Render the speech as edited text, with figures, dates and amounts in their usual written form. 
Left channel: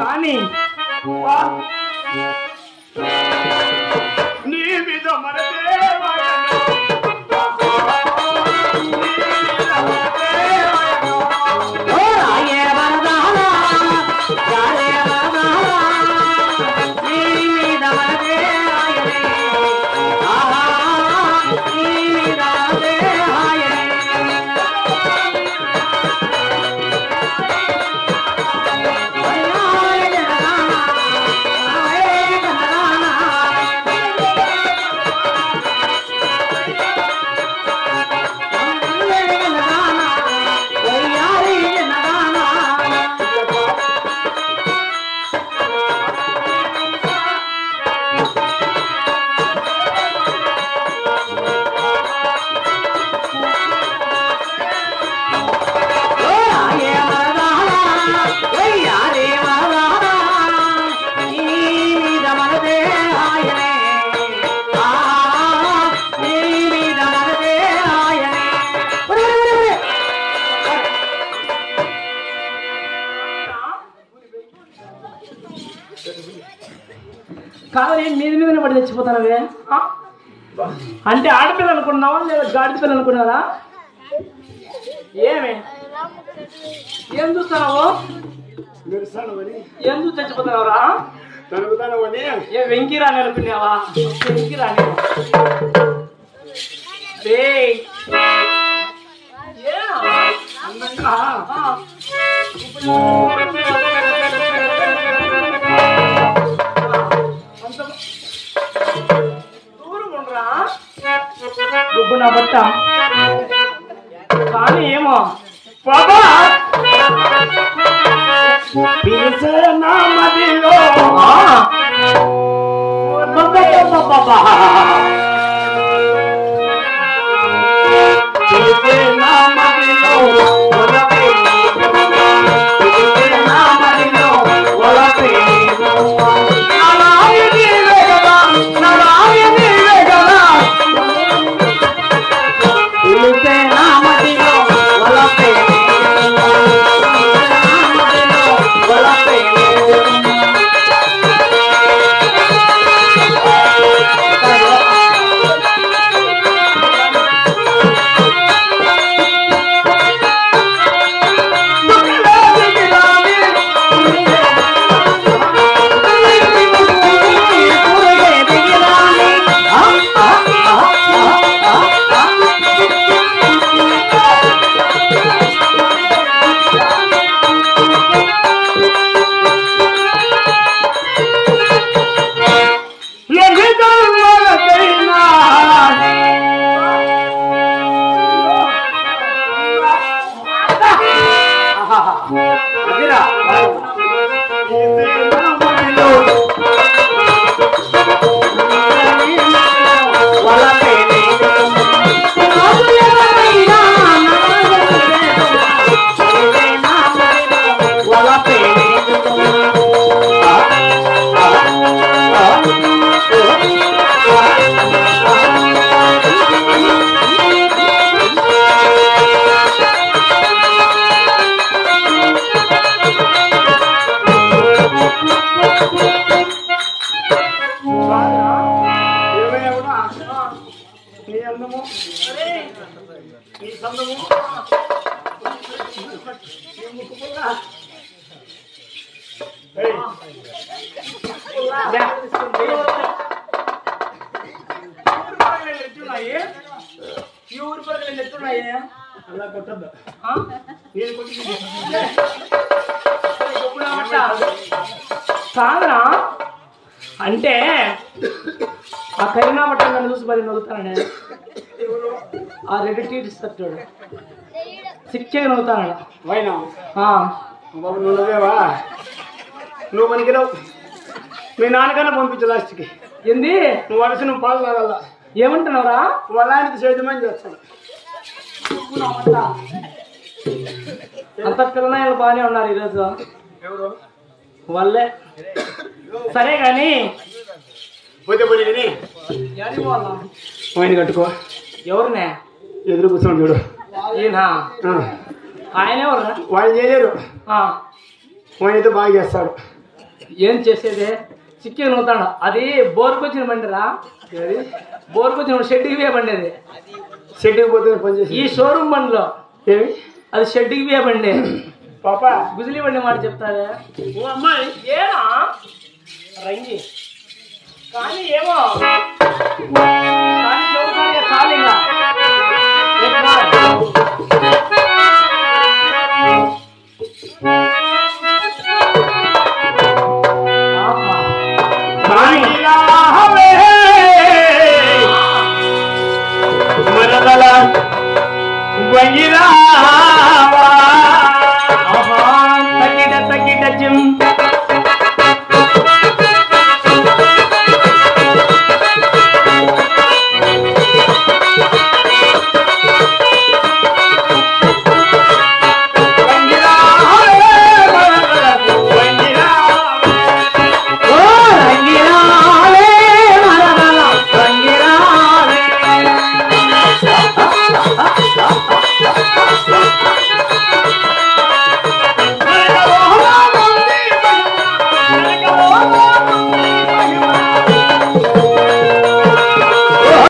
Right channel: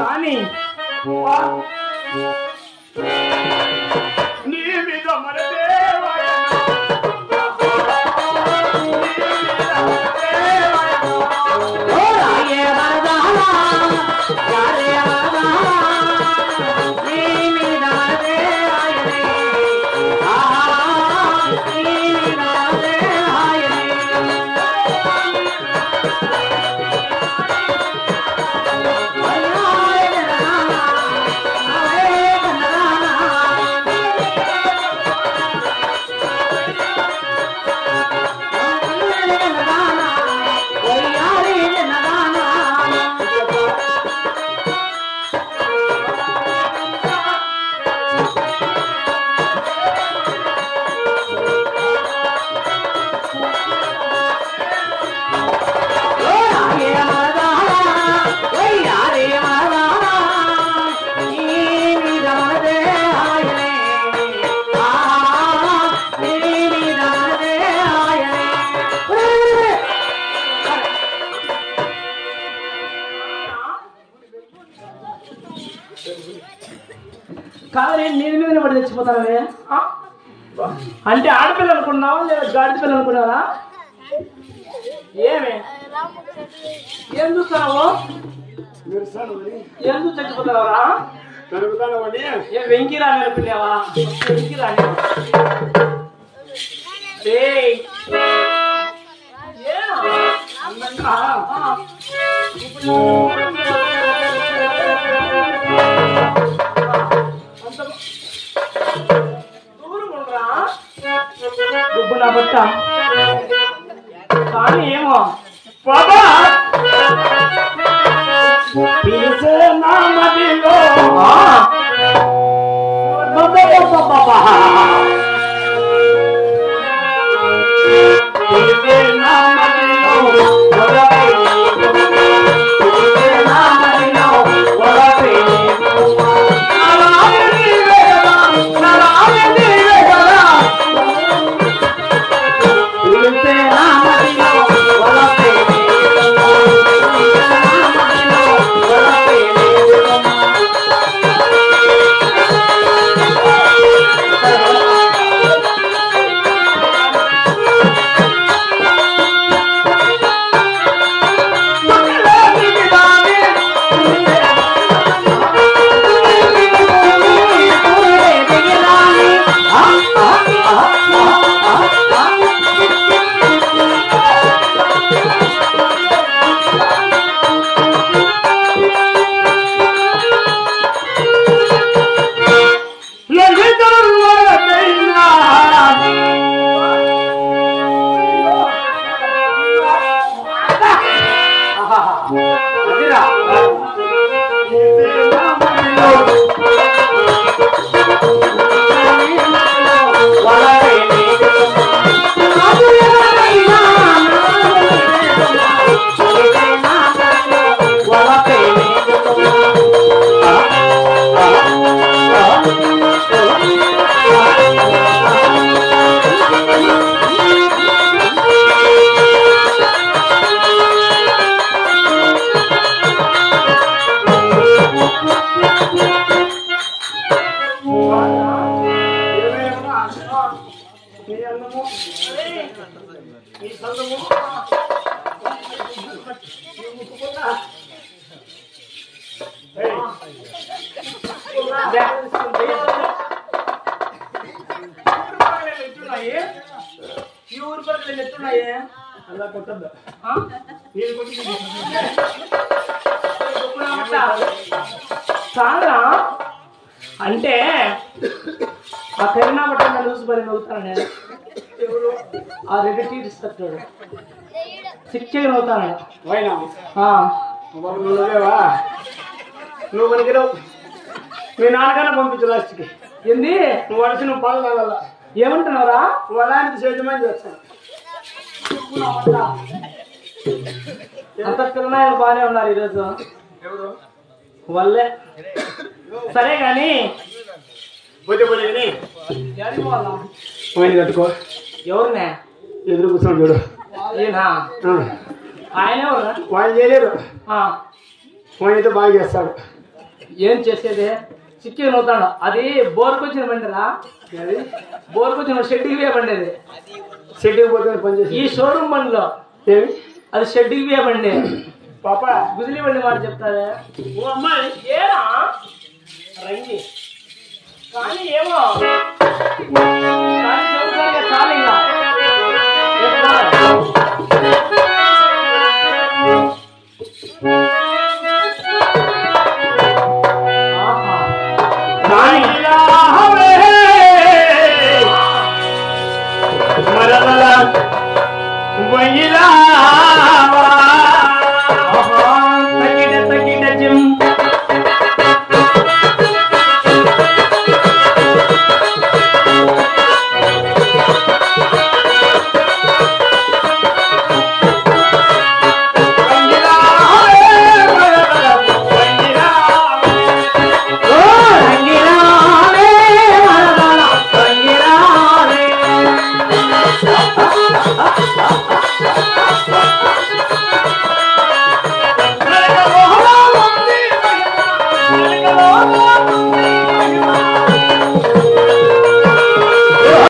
కానీ నీ మీద కావాలి నీది మీద పడి తెచ్చిపోతాను అంటే ఆడపిల్ల అనుకున్నావా లేదా గాడి పిల్ల అనుకున్నారా ఏమి ఏం చూస్తున్నావు ఏం చూసి చచ్చిపోతావరా ఏ వెంకీ రాని అనుకున్నావా వెంకీ రాని అందంగా దుబ్బు నా బట్ట కానీ ఏమో బాబా పిలిచే నా మదిలో బాబా పిలిచే నా మదిలో సారా అంటే ఆ కరీనా బట్టలు చూసి మరి నవ్వుతానే ఆ రెడ్ టీ ఇస్తాడు సిక్కే నవ్వుతాను నువ్వు మనకి మీ నాన్నగానే పంపించు లాస్ట్కి ఏంది నువ్వు వలసి నువ్వు పాలు తాగల ఏమంటున్నావురా వాళ్ళకి సేద్యమని చేస్తాను అంత పిల్లనాయలు బాగానే ఉన్నారు ఈరోజు ఎవరు వాళ్ళే సరే కానీ పోతే పోయి కట్టుకో ఎవరినే ఎదురు కూర్చోండి చూడు ఈయన ఆయన వాళ్ళు చేయలేరు. ఆ, వాడితో బాగా చేస్తాడు. ఏం చేసేది చిక్కి నవ్వుతాడు. అది బోర్కొచ్చిన బండిరా. అది బోర్కొచ్చిన షెడ్కి వే బండి అది. షెడ్కి పోతే పనిచేసి ఈ షోరూమ్ బండిలో ఏమి అది షెడ్కి వే బండి. పాప గుజలి బండి మాట చెప్తావే. ఓ అమ్మాయి ఏనా రంగి కానీ ఏమో కానీ చదువుతానే ఖాళీగా మరదల వంగిలా